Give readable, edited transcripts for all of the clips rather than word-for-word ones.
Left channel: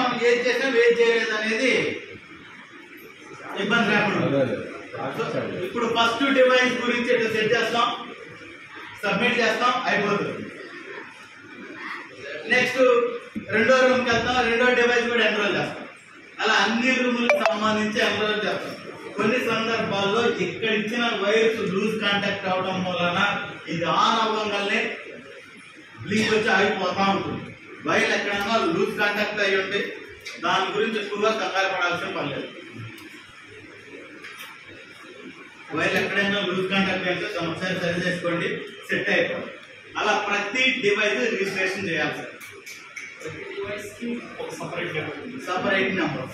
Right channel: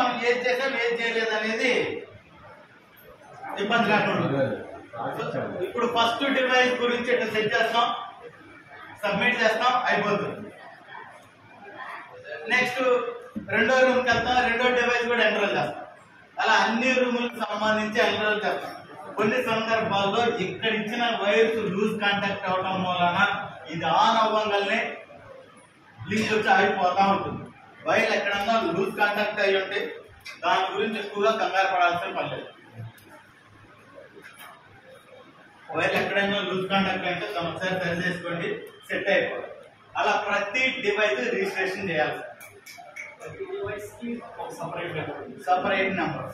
మనం ఏది చేసాం ఏది చేయలేదు అనేది ఇబ్బంది లేకుండా. ఇప్పుడు ఫస్ట్ డివైస్ గురించి సెట్ చేస్తాం, సబ్మిట్ చేస్తాం, అయిపోతుంది. నెక్స్ట్ రెండో రూమ్కి వెళ్తాం, రెండో డివైస్ కూడా ఎన్రోల్ చేస్తాం. అలా అన్ని రూములకు సంబంధించి ఎన్రోల్ చేస్తాం. కొన్ని సందర్భాల్లో ఇక్కడ ఇచ్చిన వైర్స్ లూజ్ కాంటాక్ట్ అవడం వలన ఇది ఆన్ అవ్వగానే బ్లింక్ వచ్చి ఆగిపోతా ఉంటుంది. వైర్ ఎక్కడన్నా లూజ్ కాంటాక్ట్ అయ్యి ఉంటే దాని గురించి ఎక్కువగా కంగారు పడాల్సిన పని లేదు. వైర్ ఎక్కడైనా లూజ్ కాంటాక్ట్ అయితే ఒకసారి సరి చేసుకోండి, సెట్ అయిపోతుంది. అలా ప్రతి డివైస్ రిజిస్ట్రేషన్ చేయాలి సార్. సపరేట్ నెంబర్,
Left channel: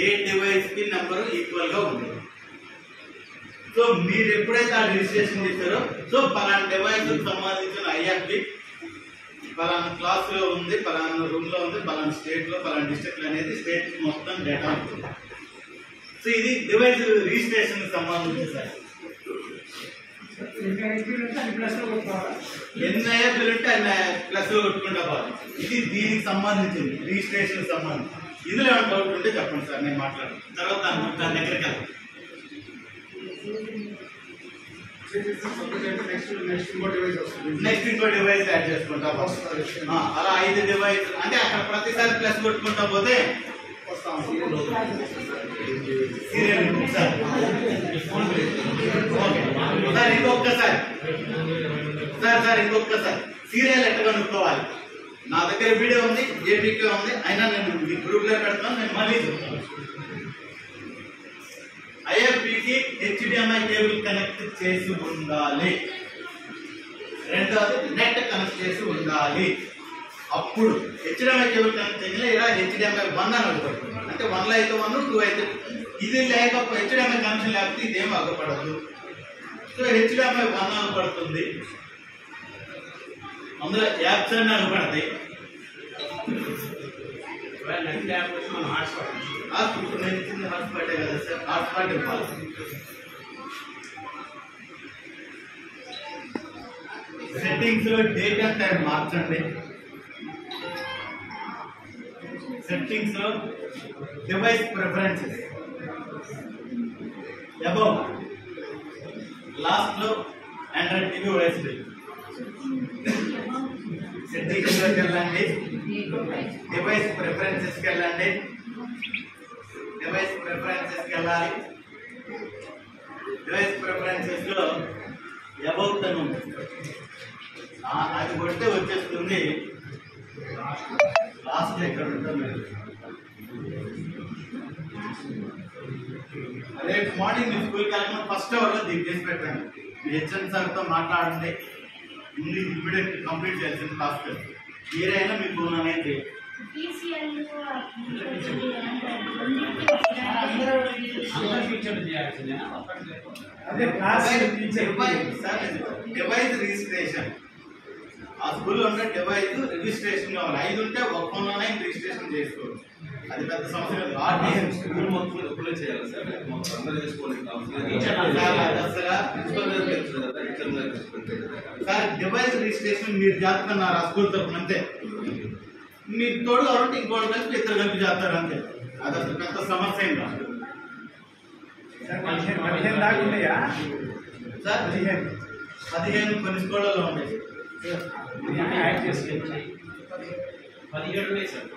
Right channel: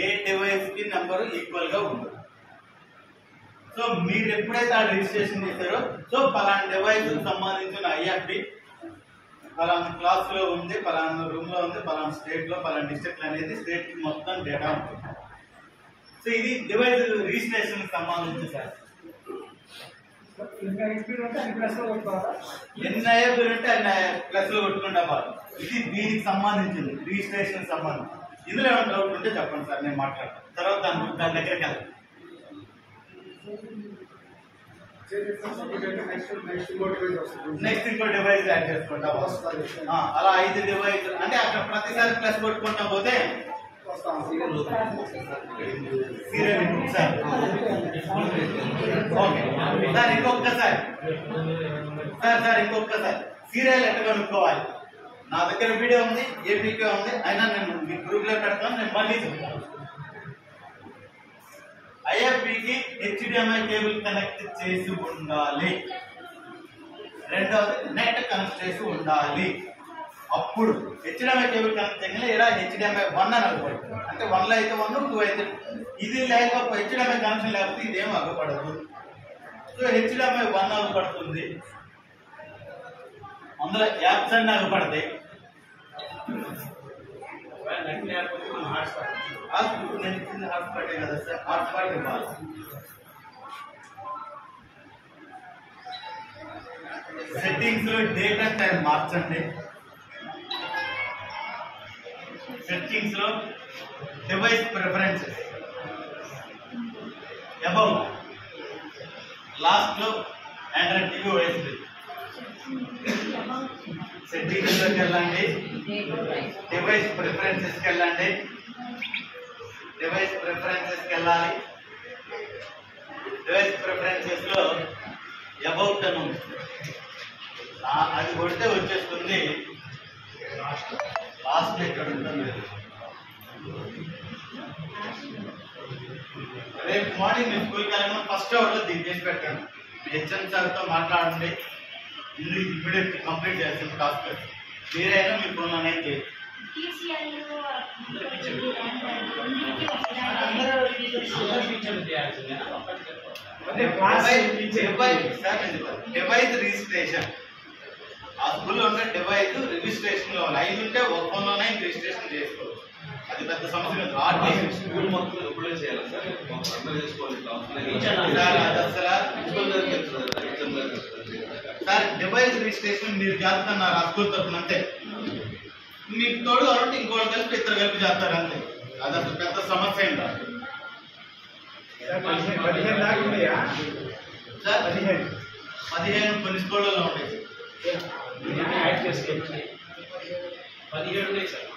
ఏ డివైస్ కి నెంబర్ ఈక్వల్ గా ఉంటుంది. సో మీరు ఎప్పుడైతే ఆ రిజిస్ట్రేషన్ చేస్తారో సో పలానా డివైస్ సంబంధించిన ఐఎఫ్డి పలానా క్లాస్ లో ఉంది, పలానా రూమ్ లో ఉంది, పలానా స్టేట్ లో, పలానా డిస్ట్రిక్ట్ అనేది స్టేట్ మొత్తం డేటా ఉంటుంది. సో ఇది డివైస్ రిజిస్ట్రేషన్ సంబంధించి సార్. ఎన్ని ఐఎఫ్లు ఉంటే అన్ని ప్లస్ లో కొట్టుకుంటా పోవాలి. ఇది దీనికి సంబంధించింది, రిజిస్ట్రేషన్ సంబంధించి. ఇందులో ఏమైనా డౌట్ ఉంటే చెప్పండి సార్, నేను మాట్లాడతాను. తర్వాత దాని దగ్గరికి వెళ్తాను. నెక్స్ట్ ఇంకో డివైస్ యాడ్ చేసుకుంటా అలా 5 డివైస్ అంటే అక్కడ ప్రతిసారి ప్లస్ కొట్టుకుంటా పోతే సీరియల్ ఇంకొకసారి సార్ ఇంకొకసారి సీరియల్ ఎట్లా కనుక్కోవాలి. నా దగ్గర వీడియో ఉంది, ఏపీకే ఉంది, అయినా నేను మీ గ్రూప్ లో పెడతాను. నేను మళ్ళీ చెప్తాను. ఐఎఫ్బికి హెచ్డిఎంఐ కేబుల్ కనెక్ట్ చేసి ఉండాలి. రెండవది నెట్ కనెక్ట్ చేసి ఉండాలి. అప్పుడు హెచ్డిఎంఐ కేబుల్ కనెక్ట్ చేయగల ఇలా హెచ్డిఎంఐ 1 అని అగపడుతుంది. అంటే 1 అయితే 1, 2 అయితే ఇది లేకపోతే హెచ్డిఎంఐ కనెక్షన్ లేకపోతే ఇదేం అగపడదు. So HDMI 1 అగపడుతుంది. అందులో యాప్స్ అన్ని అగపడతాయి. ఇప్పుడు నేను ఇచ్చింది హాట్స్పాటే కదా సార్, హాట్స్పాట్ ఇవ్వాలి. సెట్టింగ్స్ లో డేట్ అండ్ టైం మార్చండి. సెట్టింగ్స్ లో డివైస్ ప్రిఫరెన్సెస్ అబౌవ్ లాస్ట్ లో ఆండ్రాయిడ్ టీవీ ఓఎస్డి సెట్టింగ్స్ లోకి వెళ్ళండి. డివైస్ ప్రిఫరెన్సెస్కి వెళ్ళండి. డివైస్ ప్రిఫరెన్సెస్కి వెళ్ళాలి. డివైస్ ప్రిఫరెన్సెస్ లో అబౌట్ అని ఉంటుంది, అది కొడితే వచ్చేస్తుంది. లాస్ట్ ఇక్కడ ఉంటుంది. రేపు మార్నింగ్ మీ స్కూల్కి వెళ్ళకుండా ఫస్ట్ అవర్లో దీన్ని చేసి పెట్టండి. మీ హెచ్ఎం సార్తో మాట్లాడండి. ఇది ఇమ్మీడియట్ కంప్లీట్ చేయాల్సిన టాస్క్. మీరైనా మీ ఫోన్ అనేది చేయండి. డివైస్ రిజిస్ట్రేషన్ ఆ స్కూల్లో ఉంటే డివైస్ రిజిస్ట్రేషన్ కావాలి. 5 ఉంటే ఒక ఫోన్లోనే రిజిస్ట్రేషన్ చేసుకోవచ్చు. అది పెద్ద సమస్య కాదు. స్కూల్ మొత్తం ఎప్పుడే చేయాలి సార్, మొత్తం అందరూ చేసుకోవాలి. సార్ డివైస్ రిజిస్ట్రేషన్ మీరు చేస్తున్నారు ఆ స్కూల్ తరఫున అంతే. మీకు తోడు కాబట్టి ఇంకోటి కలిపి 2 కలిపి చేస్తారు అంతే. అది అసలు పెద్ద సమస్య ఏం కాదు సార్. 15 దాకా ఉన్నాయా సార్? 15 కొన్ని స్కూళ్ళలో ఉంటాయి. యాడ్ చేసుకోవచ్చు. 17 ఉన్నాయి సార్.